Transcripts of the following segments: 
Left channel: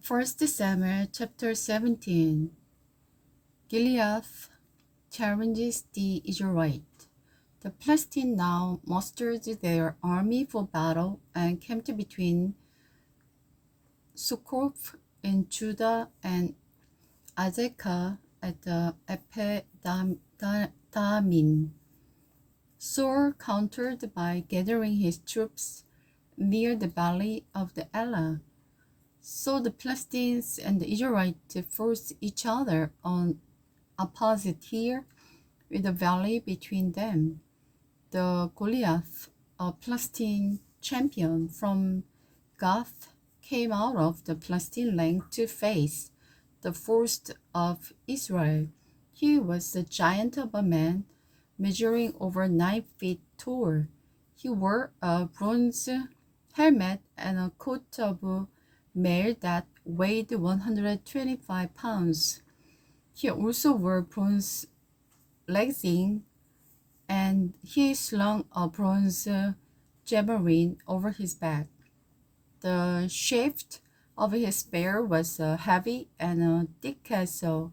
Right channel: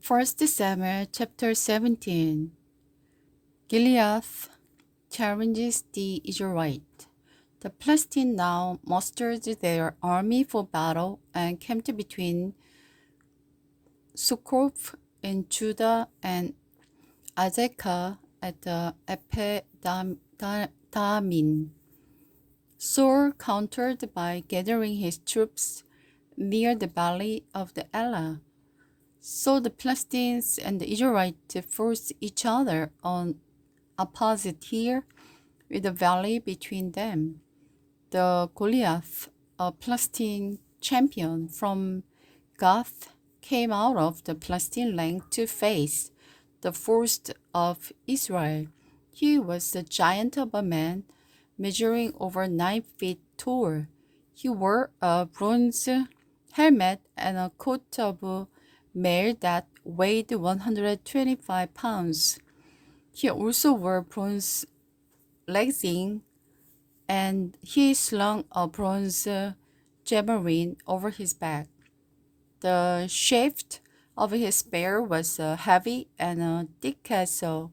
First Samuel chapter 17. Gilead challenges the Israelite. The Philistines now mustered their army for battle and camped between Succoth in Judah and Azekah at the Ephedamin. Saul countered by gathering his troops near the valley of the Elah. So the Philistines and the Israelites forced each other on opposite hill with a valley between them. The Goliath, a Philistine champion from Gath, came out of the Philistine rank to face the force of Israel. He was a giant of a man, measuring over 9 feet tall. He wore a bronze helmet and a coat of mail that weighed 125 pounds. He also wore bronze leggings, and he slung a bronze javelin over his back. The shaft of his spear was heavy and thick as a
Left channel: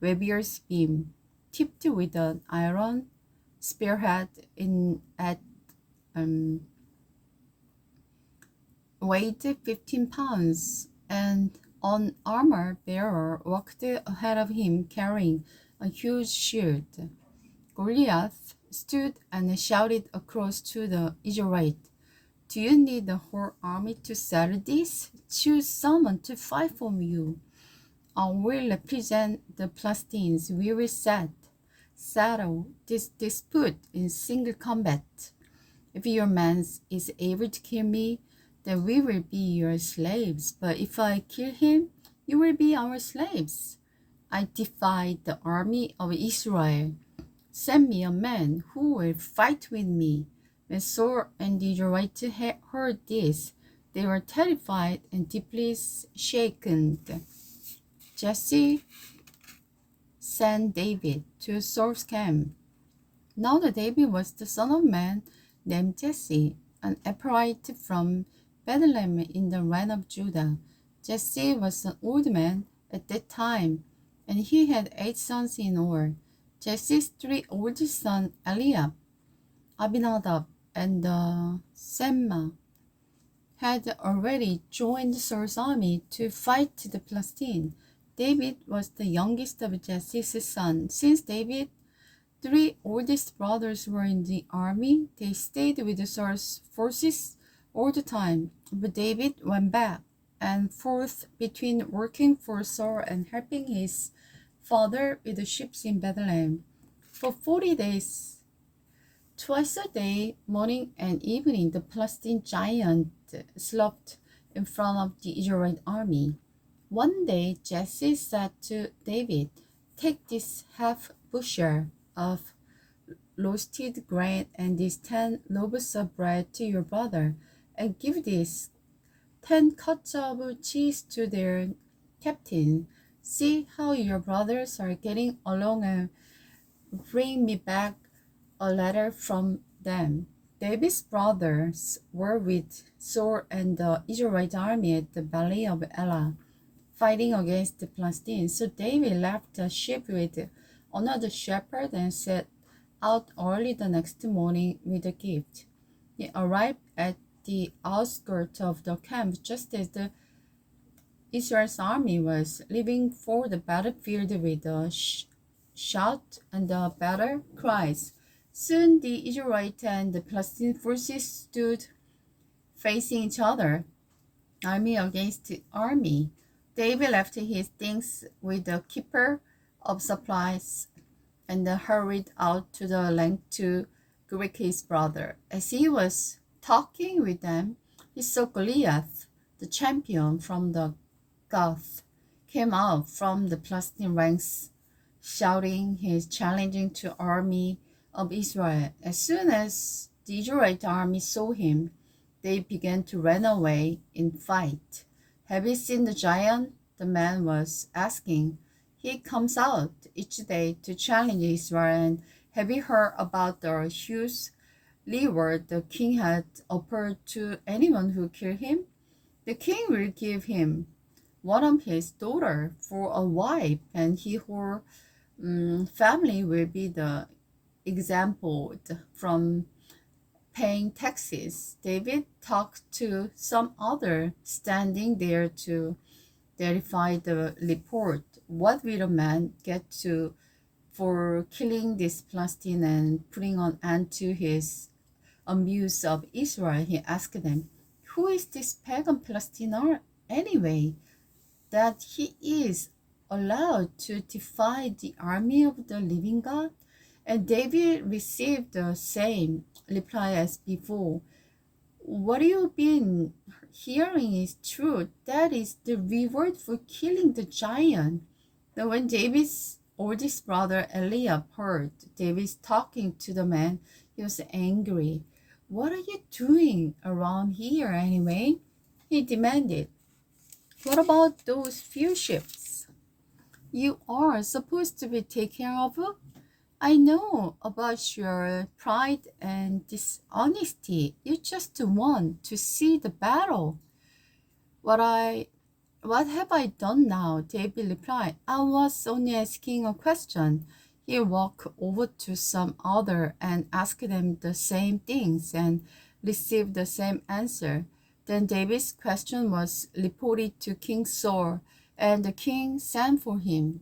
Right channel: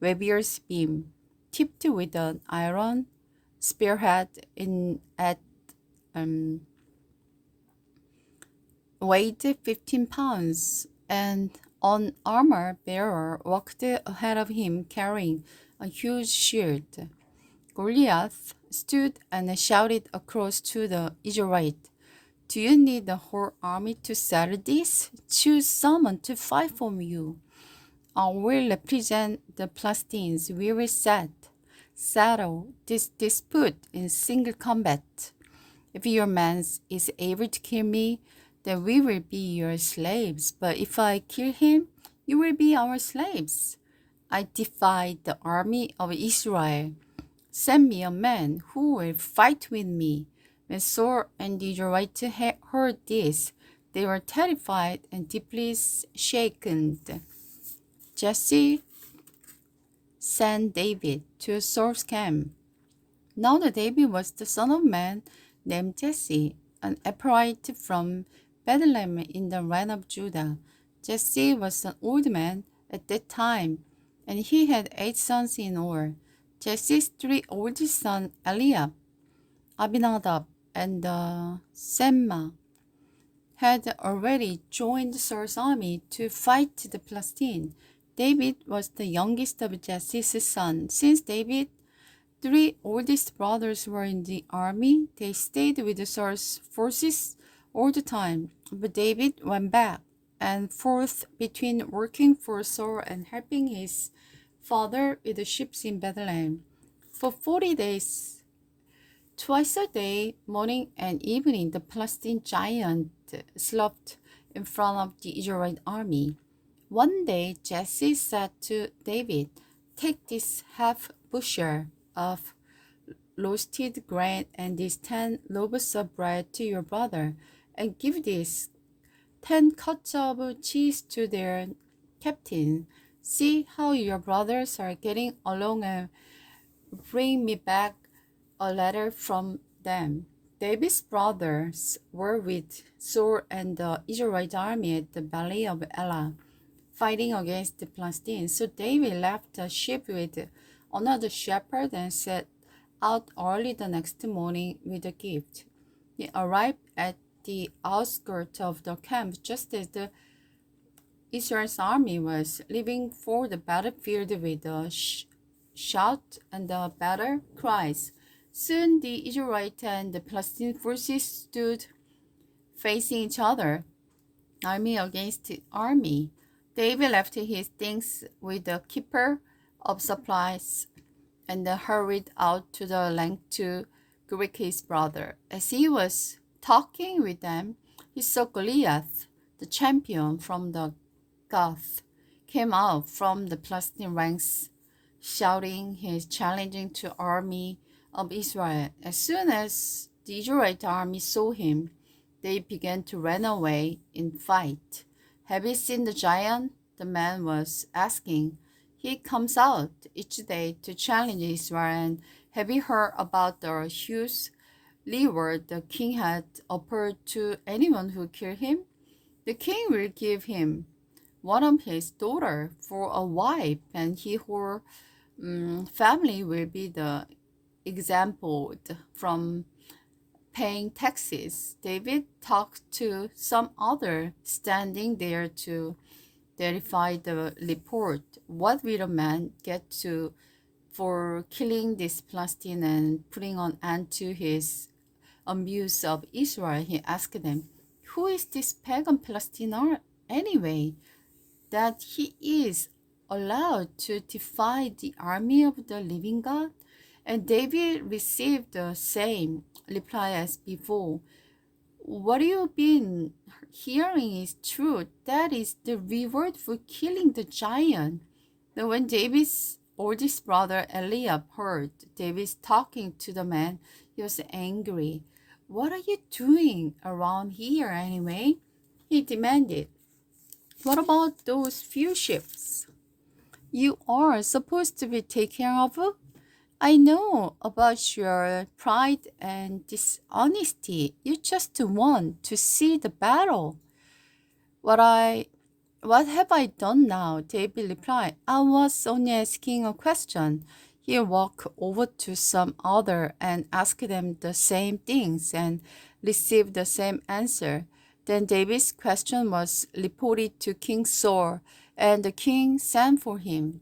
warrior's beam, tipped with an iron spearhead um, weighed 15 pounds, and an armor bearer walked ahead of him carrying a huge shield. Goliath stood and shouted across to the Israelite, "Do you need the whole army to settle this? Choose someone to fight for you. I will represent the Philistines. We will settle this dispute in single combat. If your man is able to kill me, then we will be your slaves. But if I kill him, you will be our slaves. I defy the army of Israel. Send me a man who will fight with me." When Saul and the Israelites heard this, they were terrified and deeply shaken. Jesse sent David to Saul's camp. Now David was the son of a man named Jesse, an Ephraite from Bethlehem in the land of Judah. Jesse was an old man at that time, and he had 8 sons in all. Jesse's 3 oldest sons, Eliab, Abinadab, and Semma, had already joined Saul's army to fight the Philistines. David was the youngest of Jesse's sons. Since David's 3 oldest brothers were in the army, they stayed with Saul's forces all the time. But David went back and forth between working for Saul and helping his father with the sheep in Bethlehem. For 40 days, twice a day, morning and evening, the Philistine giant slept in front of the Israelite army. One day, Jesse said to David, "Take this half bushel of roasted grain and these 10 loaves of bread to your brother, and give these 10 cuts of cheese to their captain. See how your brothers are getting along and bring me back a letter from them." David's brothers were with Saul and the Israelite army at the valley of Elah, fighting against the Philistines. So David left the sheep with another shepherd and set out early the next morning with a gift. He arrived at the outskirts of the camp just as the Israel's army was leaving for the battlefield with a shout and the battle cries. Soon the Israelite and the Philistine forces stood facing each other, army against army. David left his things with the keeper of supplies and hurried out to the land to greet his brother. As he was talking with them, he saw Goliath, the champion from the Gath, came out from the Philistine ranks, shouting his challenging to army of Israel. As soon as the Israelite army saw him, they began to run away in fight. "Have you seen the giant?" the man was asking. "He comes out each day to challenge Israel. And have you heard about the huge reward the king had offered to anyone who killed him? The king will give him one of his daughter for a wife, and her family will be the example from paying taxes. David talked to some other standing there to verify the report. What will a man get to for killing this Palestine and putting an end to his abuse of Israel? He asked them, who is this pagan Palestinian anyway, that he is allowed to defy the army of the living God? And David received the same reply as before. What you've been hearing is true. That is the reward for killing the giant. Now, when David's oldest brother Eliab heard David talking to the man, he was angry. What are you doing around here anyway? He demanded. What about those few ships you are supposed to be taking care of? I know about your pride and dishonesty. You just want to see the battle. What have I done now? David replied. I was only asking a question. He walked over to some other and asked them the same things and received the same answer. Then David's question was reported to King Saul, and the king sent for him.